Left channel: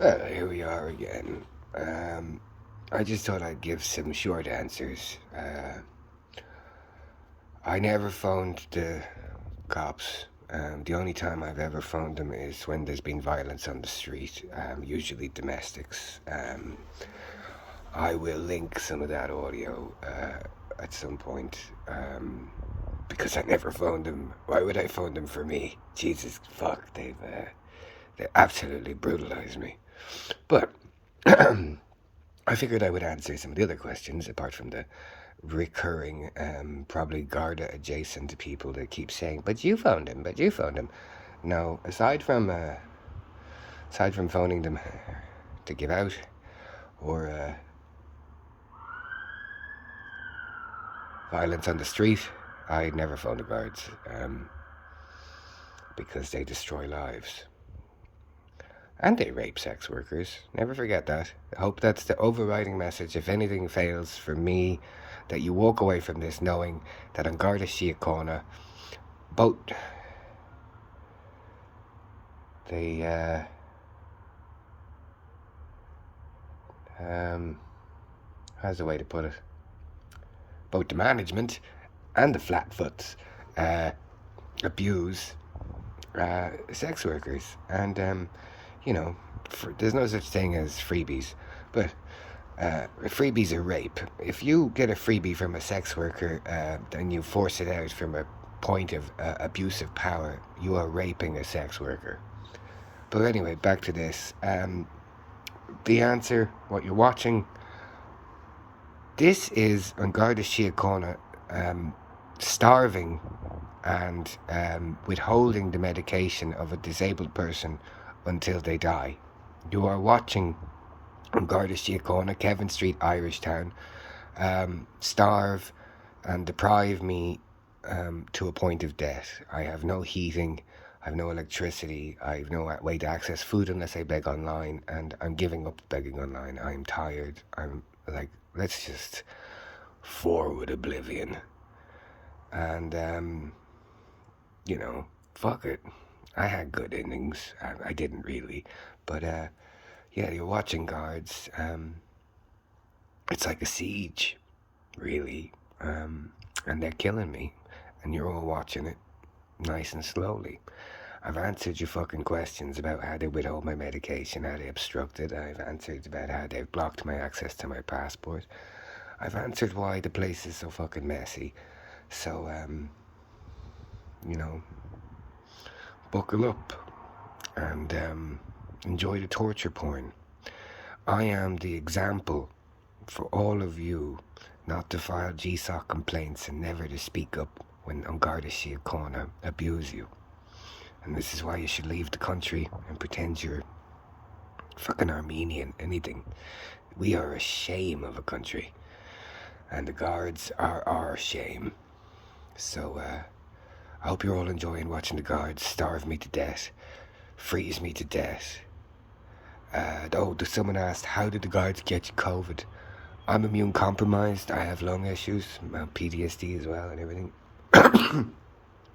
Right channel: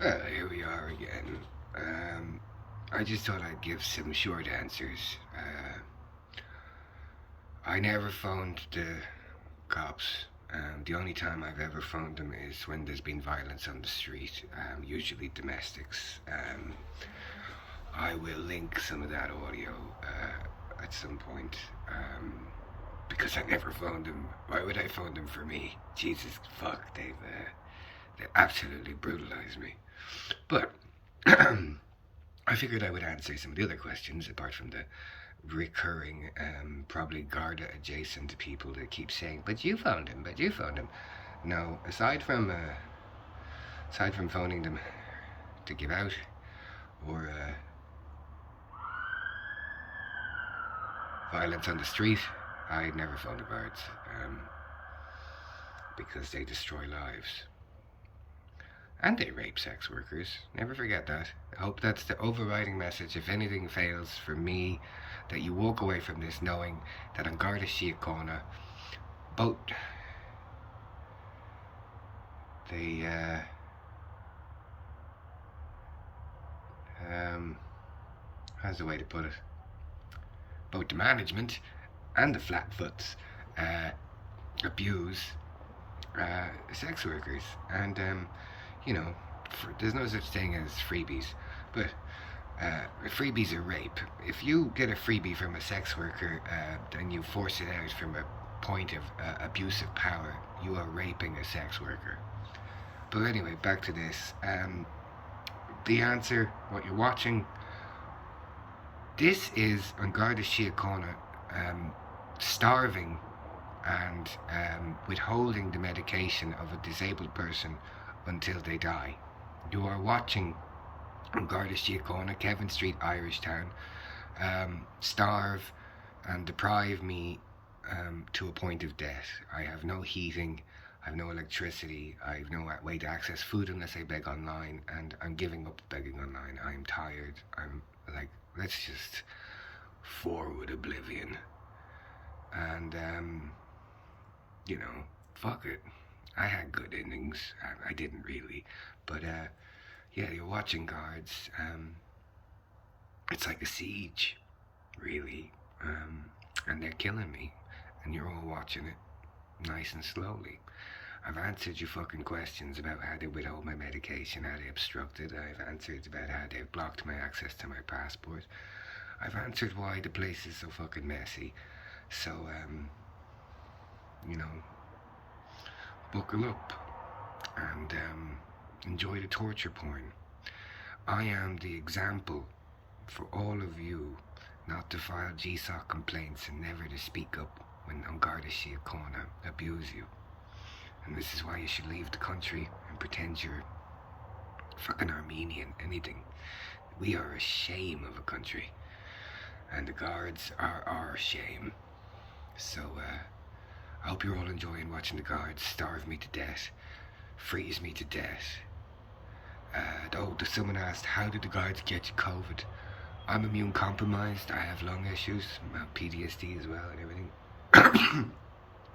Well, here we are again. I just thought I'd give some short answers. I never phoned the cops. The only time I've ever phoned them is when there's been violence on the street, usually domestics. I will link some of that audio at some point because I never phoned them. Why would I phone them for me? Jesus fuck, they absolutely brutalized me. But I figured I would answer some of the other questions apart from the recurring, probably Garda adjacent people that keep saying, "But you phoned him, but you phoned him." No, aside from phoning them to give out or violence on the street, I'd never phone the guards because they destroy lives. And they rape sex workers. Never forget that. I hope that's the overriding message. If anything fails for me, that you walk away from this knowing that on Garda Síochána, both they how's the way to put it? Both the management and the flatfoots abuse sex workers, and there's no such thing as freebies, but freebies are rape. If you get a freebie from a sex worker and you force it out from a point of abuse of power, you are raping a sex worker. But anyway, back to this. The answer, what you're watching, this is on Garda Síochána starving and withholding the medication of a disabled person until they die. You are watching on Garda Síochána, Kevin Street, Irish Town, starve and deprive me to a point of death. I have no heating, I have no electricity, I have no way to access food unless I beg online, and I'm giving up begging online. I'm tired. I'm like, let's just forward oblivion. And, fuck it. I had good innings. I didn't really. But, yeah, you're watching guards. It's like a siege, really. And they're killing me. And you're all watching it nice and slowly. I've answered your fucking questions about how they withhold my medication, how they obstruct it. I've answered about how they've blocked my access to my passport. I've answered why the place is so fucking messy. So, buckle up and enjoy the torture porn. I am the example for all of you not to file GSOC complaints and never to speak up when on Garda Síochána abuse you. And this is why you should leave the country and pretend you're fucking Armenian, anything. We are a shame of a country. And the guards are our shame. So, I hope you're all enjoying watching the guards starve me to death, freeze me to death. Someone asked, how did the guards get you COVID? I'm immune compromised, I have lung issues, PTSD as well and everything.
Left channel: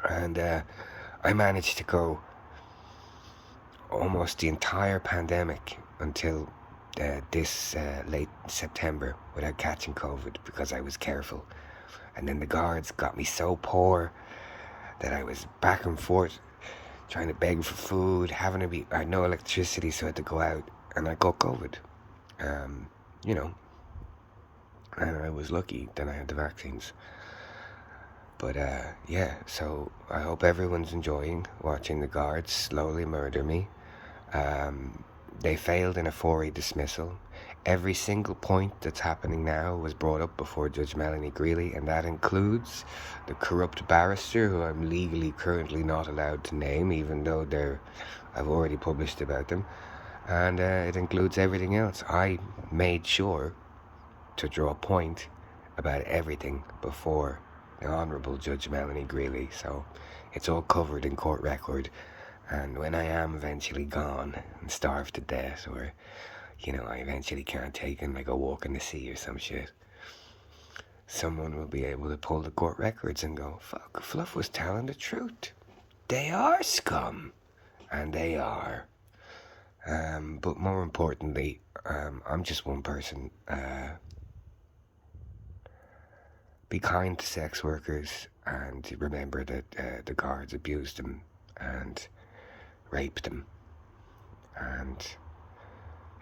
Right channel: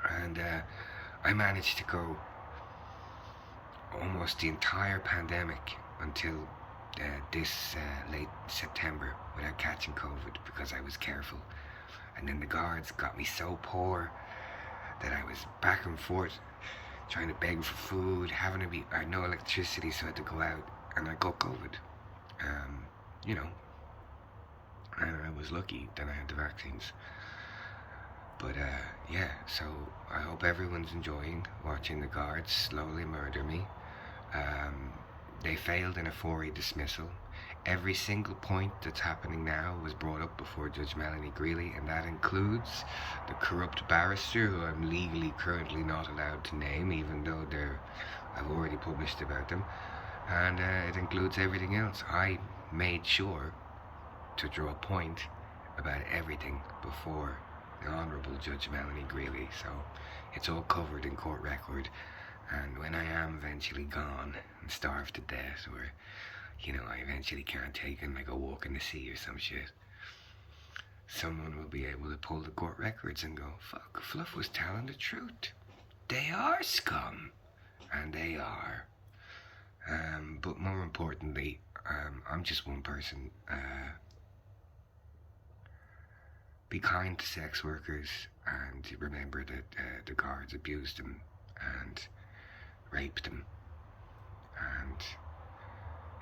And I managed to go almost the entire pandemic until this late September without catching COVID because I was careful. And then the guards got me so poor that I was back and forth trying to beg for food, I had no electricity, so I had to go out, and I got COVID. And I was lucky that I had the vaccines. But yeah, so I hope everyone's enjoying watching the guards slowly murder me. They failed in a 4A dismissal. Every single point that's happening now was brought up before Judge Melanie Greeley, and that includes the corrupt barrister, who I'm legally currently not allowed to name, even though I've already published about them. And it includes everything else. I made sure to draw a point about everything before the Honourable Judge Melanie Greeley, so it's all covered in court record. And when I am eventually gone and starved to death, or I eventually can't take in like a walk in the sea or some shit, someone will be able to pull the court records and go, fuck, Fluff was telling the truth. They are scum. And they are. But more importantly, I'm just one person. Be kind to sex workers, and remember that the guards abused them and raped them, and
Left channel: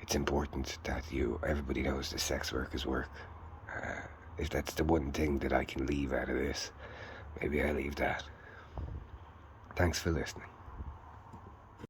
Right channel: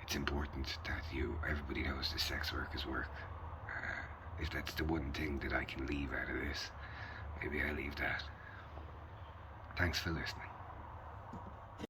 it's important that everybody knows the sex workers work. If that's the one thing that I can leave out of this, maybe I leave that. Thanks for listening.